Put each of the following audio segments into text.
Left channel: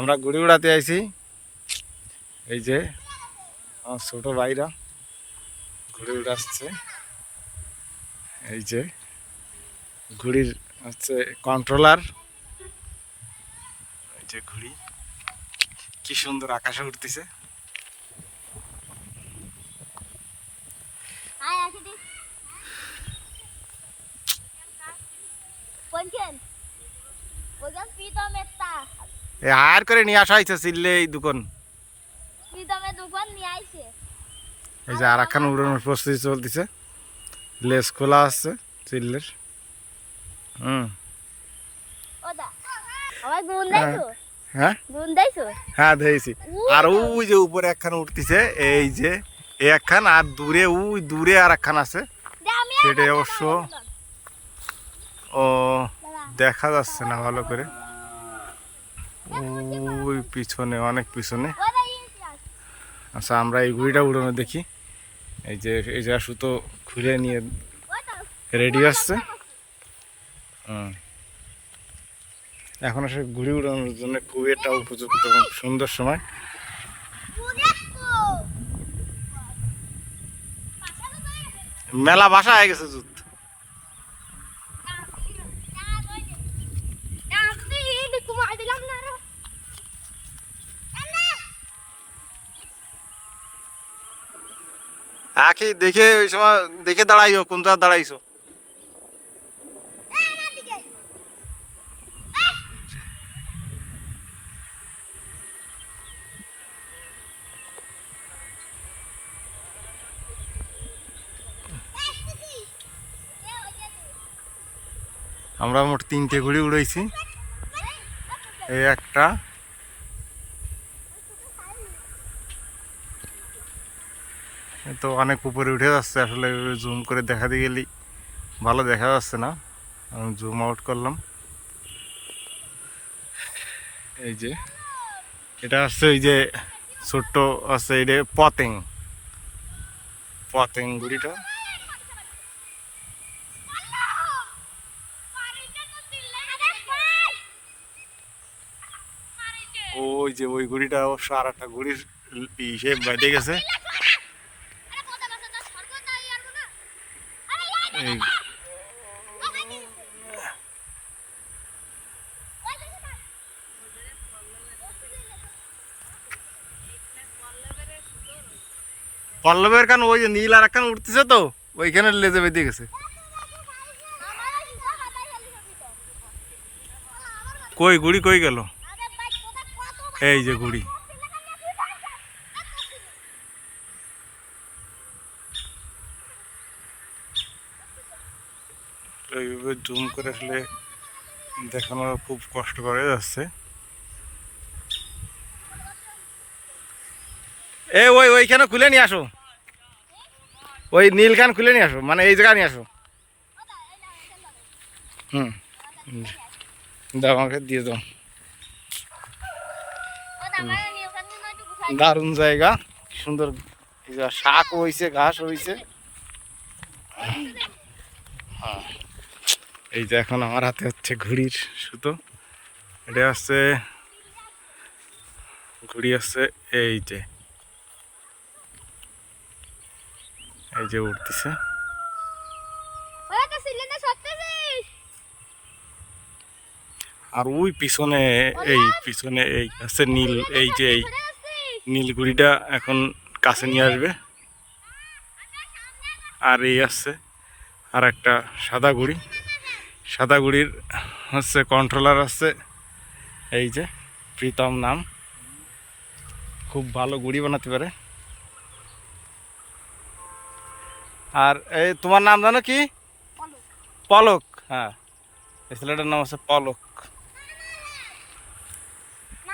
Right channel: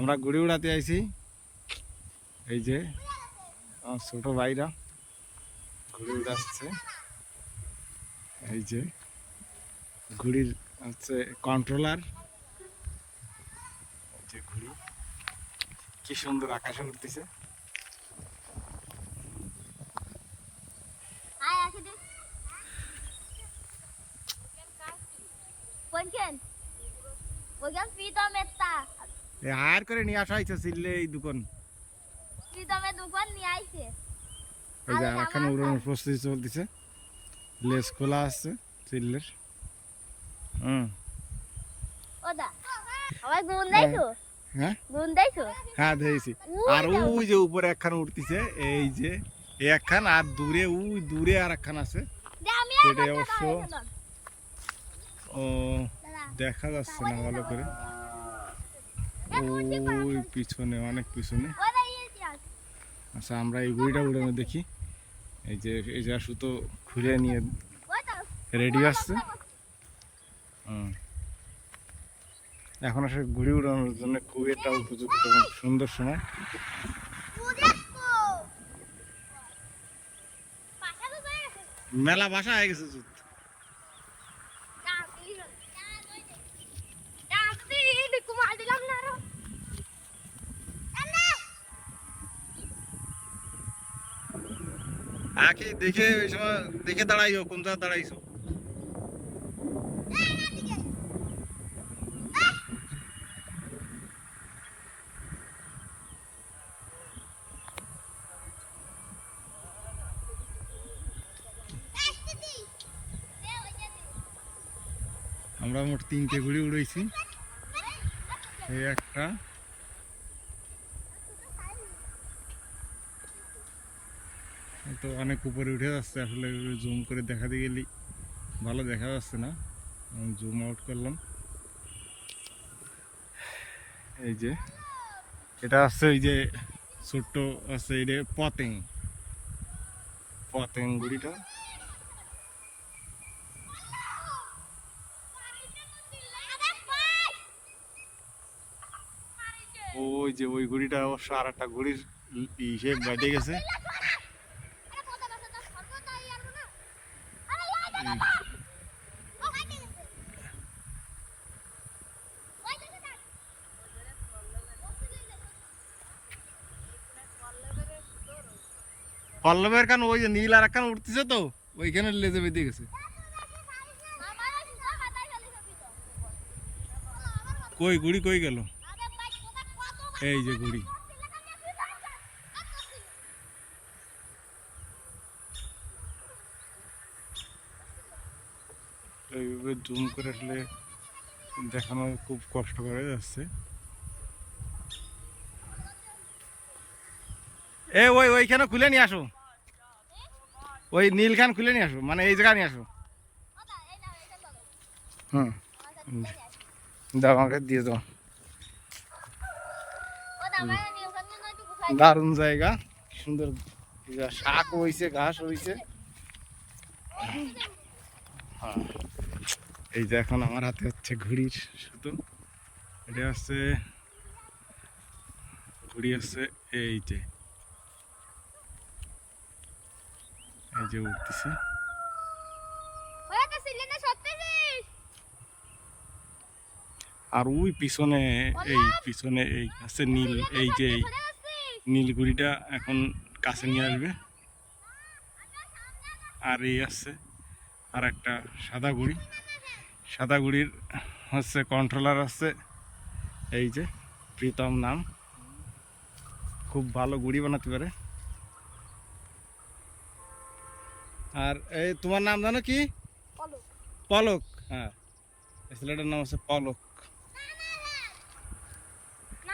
আমরা ঘুড়ি উড়াতে আইছি। এই যে আমার ছোট ভাইরা ঘুড়ি উড়াচ্ছে। এই যে ঘুড়ির হচ্ছে কন্ট্রোলার। এই যে ঘুড়ি কি সুন্দর আকাশে উঠতেছে। আর করে নিয়ে আসা হয়েছে চিল্লে এই দোকান। এই যে আর একখান উড়ানোর প্রস্তুতি চলতেছে। লেস খোলা আছে চিল্লের। হ্যাঁ হ্যাঁ দিয়েছি। আর ওই যে উপরে একখান উঠতেছে, এই যে একখান, আর দূরে ওই দূরে আর একখান আছে, সেটা অবশ্য ও দেখা যাচ্ছে না ভালো করে। ওই পিছনে, অনেক পিছনে। আচ্ছা আমরা এই ঘুড়িটা উড়ানো দেখি। এই যে এই যে সুতো খুলে নিয়ে রেডি আসছে। এখন আসলে ঘুড়ি উড়ানোর জন্য খুব একটা উপযুক্ত সুন্দর সময়। মেলা বাসা হয়ে গেছে জুত। আখি দেখে ওই সময় দেখে দাঁড়াইও, কোন জায়গায় দাঁড়াইছো। আমরা মোট 3টে ঘুড়ি উড়াইছি। এই একটা, তো অনেক উপরে উঠে যাচ্ছে। আসলে জুম করে দেখাতে গেলেই ভালো দেখা যাচ্ছে না, আমি জুম আউট করলাম। এই যে এটা হচ্ছে এই যে ছোট্ট আছে, এটা পতেং, পতেং ঘুড়িটা। ওই যে ওই ঘুড়িটা অবশ্য আর একটা ঘুড়ির হিসেব বেঁধে গেছে। পল্লবের কান ওই যে নীল আর একখান উঠতেছে, তো ওইখানে লেজে বেঁধে গেছে। কই ঘুড়ি কই গেল? এই যে ঘুড়ি। এইভাবে জুম করে আসলে দেখানো খুব কষ্ট করে যাচ্ছে। ওইখানে খুলে নিয়ে আসো, ওই নীল খান খুলে নিয়ে আসো, মানে এই জায়গা নিয়ে আসো। দাও আমাকে দিয়ে দাও। দারুণ জায়গা, কি সুন্দর শাক হয়েছে, ঘাস হয়েছে। হ্যাঁ এই যে এখন আমার হাতে হচ্ছে ঘুড়ির সুতো। এটা হচ্ছে ঘুড়ি, হচ্ছে এই যে উঠতেছে। আর ওই পিছনে, এই পিছনে এই আছে নীল, এই যে এই নীল ঘুড়িটা এখন কাছে নিয়ে আসবে। আর এই আছে আর একটা সাদা ঘুড়ি। সাদা ঘুড়ির হচ্ছে কন্ট্রোলার আছে, এই যে প্রীতম নাম, খুব ভালো ঘুড়ি বানাতে পারে। আর এই তোমার নাম জানো কি? পলক। হ্যাঁ এই ছেলেটার নাম হচ্ছে পলক।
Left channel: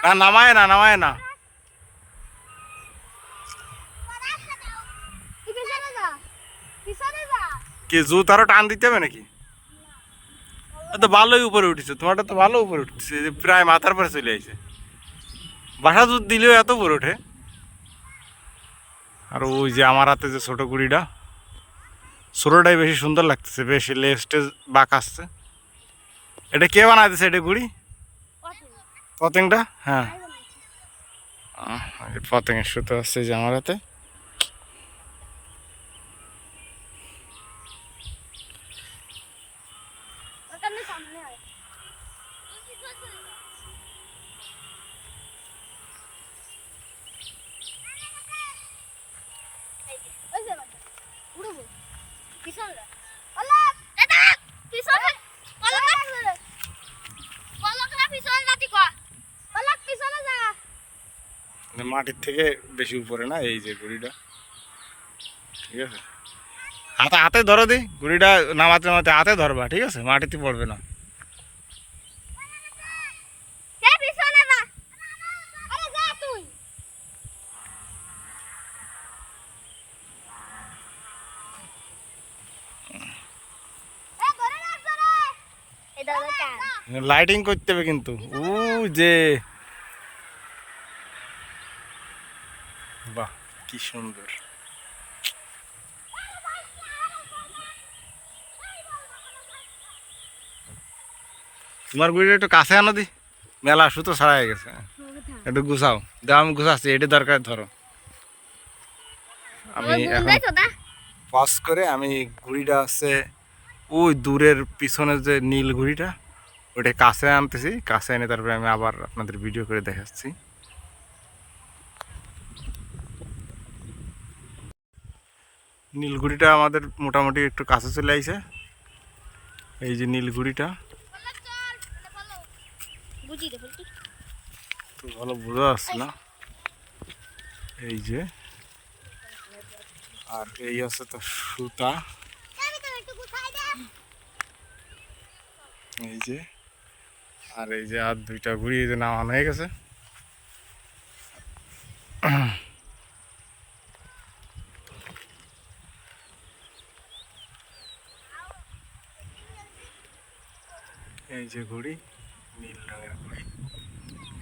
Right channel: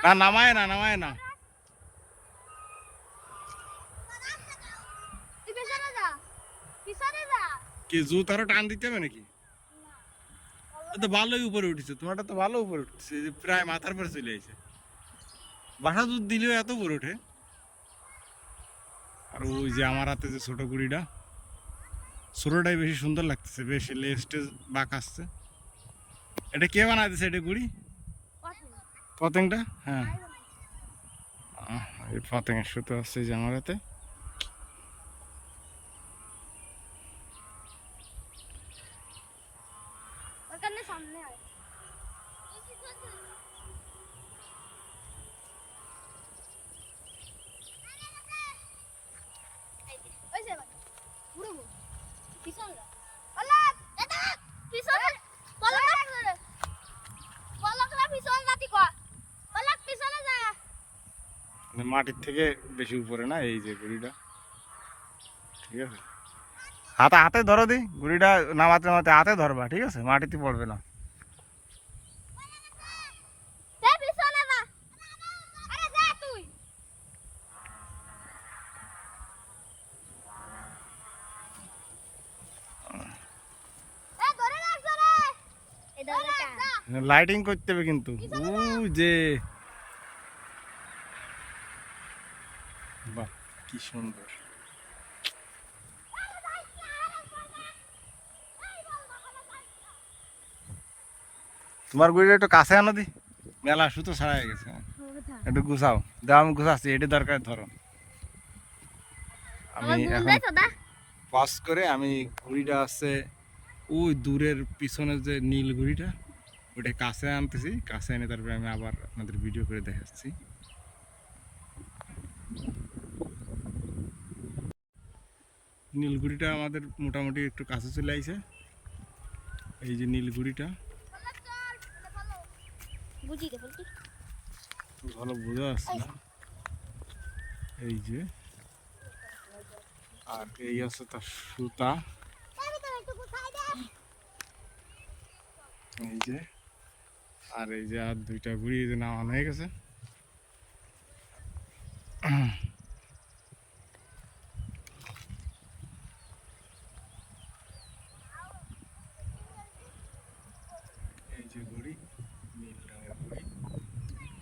না নামায় না, নামায় না। কি জুত আরো টান দিতে হবে নাকি? তো ভালোই উপরে উঠেছে, তোমারটা তো ভালো উপরে উঠছে, প্রায় মাথার পরে চলে আসছে। বাসা জুত দিলেও এত উপরে ওঠে। আর ওই যে আমার হাতে যে ছোট গুড়িটা, ছোটটাই বেশি সুন্দর লাগতেছে, বেশি লেস্টে বাঁক আসছে। এটা কে বানাইতেছে এটা গুড়ি? পতেংটা? হ্যাঁ পতঙ্গের সুতো আছে যে আমার হাতে। মাটির থেকে বেশি উপরে না এই যে গুড়িটা, ঠিক আছে? হাতে হাতে ধরো দি, গুড়িটা নামাতে নামাতে হাতে ধরবা, ঠিক আছে? মাটিতে পড়বে না। লাইটিং করতে হবে কিন্তু। ও যে বাহ কি সুন্দর। তোমার গুড়িটা একটু কাছে আনো দি, মেলা সুতো ছাড়া হয়ে গেছে। একটু গুছাও দাও, আমি গুছাচ্ছি, এটা দরকার ধরো। আমি এখন পাস করে আমি ঘুড়িটা আছে ওই দূরের পিছনে যে নীল ঘুড়িটা ওটা কাছে আনতেছি, কাছে এনে তারপরে আমি আবার আপনাদের ভিডিও করে দেখাচ্ছি। নীলগুড়িটা আমাদের মোটামুটি একটু কাছে চলে আইছে। এই যে নীলগুড়িটা তো ভালো বোঝা যাচ্ছে না, এই যে। আর এই আছে তো সুতা, এই যে। আর এই যে আর দুইটা ঘুড়ি এই যে নামানো হয়ে গেছে। এই যে ঘুড়ি, নীল রঙের ঘুড়ি,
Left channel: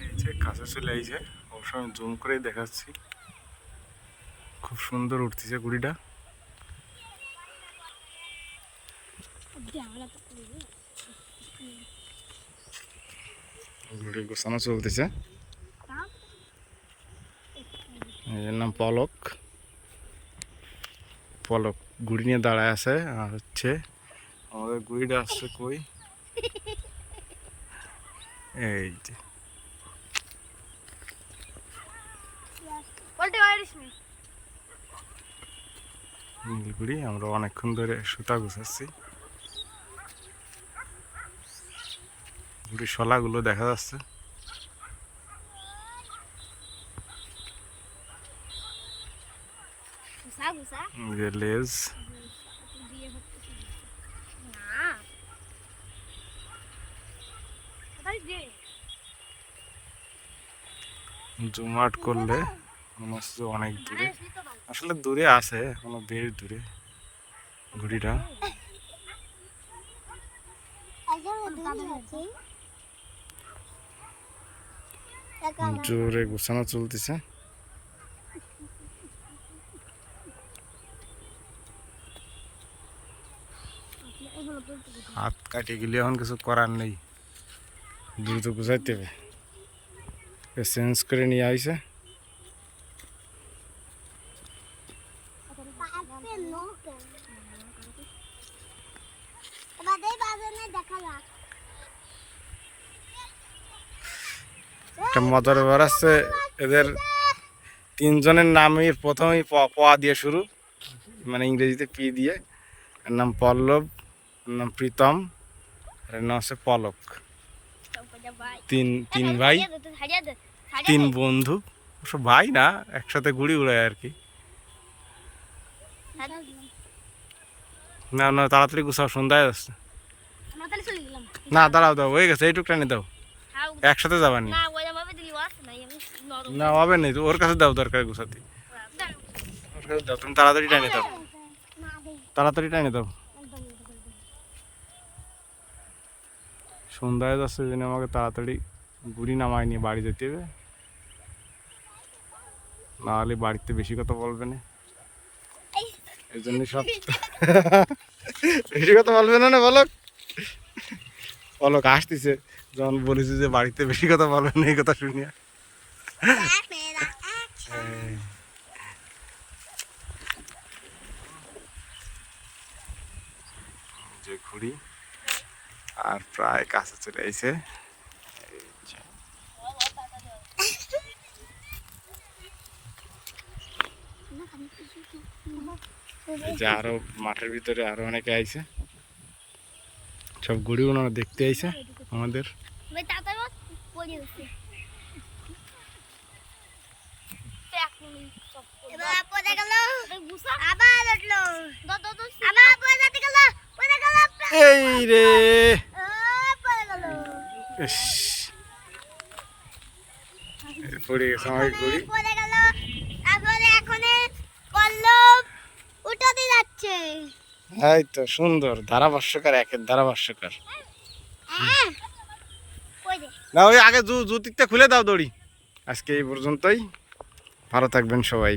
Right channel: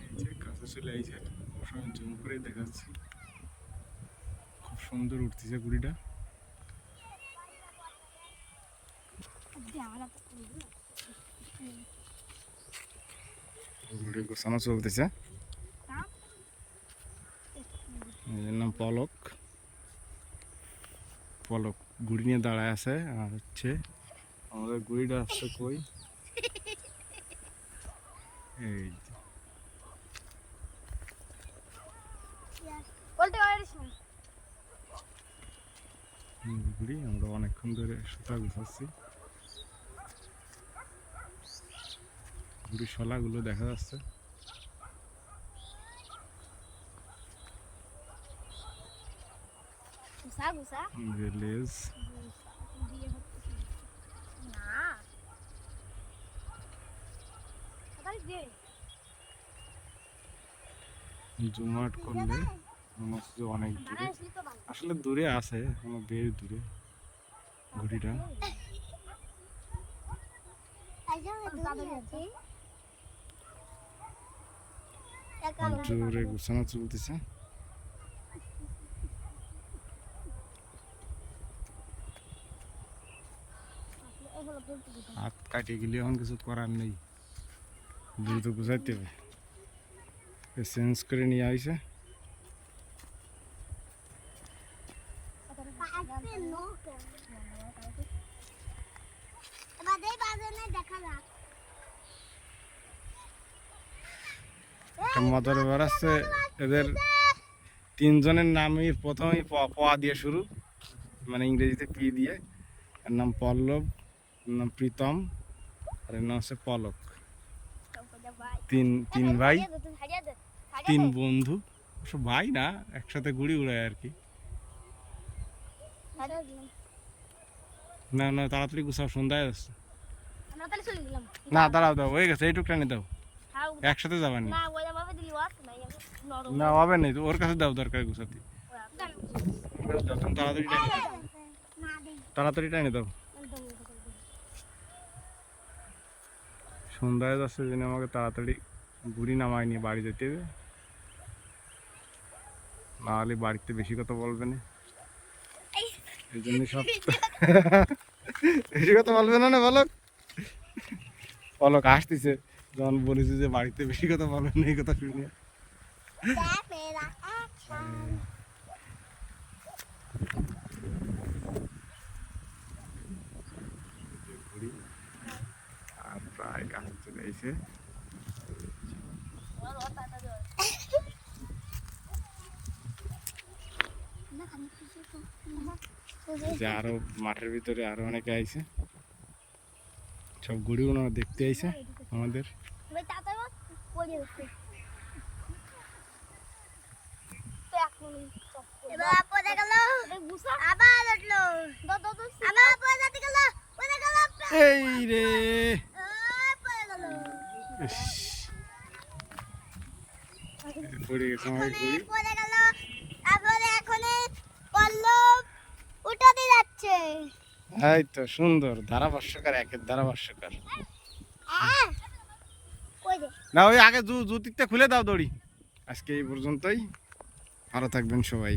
এই যে কাছে চলে আইছে। অবশ্য আমি জুম করে দেখাচ্ছি, খুব সুন্দর উঠতেছে ঘুড়িটা। ঘুড়ি গোছানো চলতেছে। এর নাম পলক। পলক ঘুড়ি নিয়ে দাঁড়ায় আছে। আর হচ্ছে আমাদের ঘুড়িটা আসছে কই, এই যে নীলগুড়ি। আমরা অনেকক্ষণ ধরে সুতা গুছাচ্ছি। ঘুড়ির শলাগুলো দেখা যাচ্ছে, লেজ। জুম আউট করলে মনে হচ্ছে অনেক দূরে, আসলে দূরে আছে, এখনো বেশ দূরে ঘুড়িটা। জোরে গোছানো চলতেছে। হাত কাটিয়ে গেলে এখন কিছু করার নেই, দ্রুত গুছাইতে হবে। চেঞ্জ করে নিয়ে আইছে। একটা মজার ব্যাপার আছে, এদের তিনজনের নামই প্রথমেই প দিয়ে শুরু, মানে ইংরেজিতে পি দিয়ে। এর নাম পল্লব, এর নাম প্রীতম, আর এর নাম হচ্ছে পলক। তিন ভাই, তিন বন্ধু। সব ভাই না, একসাথে ঘুড়ি উড়ায় আর কি। না না তাড়াতাড়ি গুছাও, সন্ধ্যায় যাচ্ছে। না দাঁড়াও, দাও হয়ে গেছে, এইটুকু টানে দাও, একসাথে যাবানি। না হবে না, ওর কাছে দাও, দরকার গুছাতে। দাও তুমি তাড়াতাড়ি টানে দাও, তাড়াতাড়ি টানে দাও। সন্ধ্যায় যাচ্ছে জন্য আমাকে তাড়াতাড়ি ঘুড়ি নামায় নিয়ে বাড়ি যেতে হবে, নাহলে বাড়িতে বেশি কথা বলবে না। এই জন্য সব বেশি কথা বলবে না। বলক পলক আসতেছে, যখন বলেছি যে বাড়িতে বেশি কথা বলবে না, এই কথা শুনিয়া। যে ঘুড়ি আর প্রায় কাছে চলে এসে যে আরো মাঠের ভিতরে আরো অনেকে আইছে, সব ঘুড়ি ওনারা দেখতে আইছে আমাদের। এই রে ইস, পড়ে গেছে আমার ঘুড়ি। এই তো সুন্দর ধারাভাষ্যকার, একের ধারাভাষ্যকার। না ওই আগে জুতিটা খুলে দাও দড়ি। আজকে এই পর্যন্তই, ভালো থাকবেন সবাই।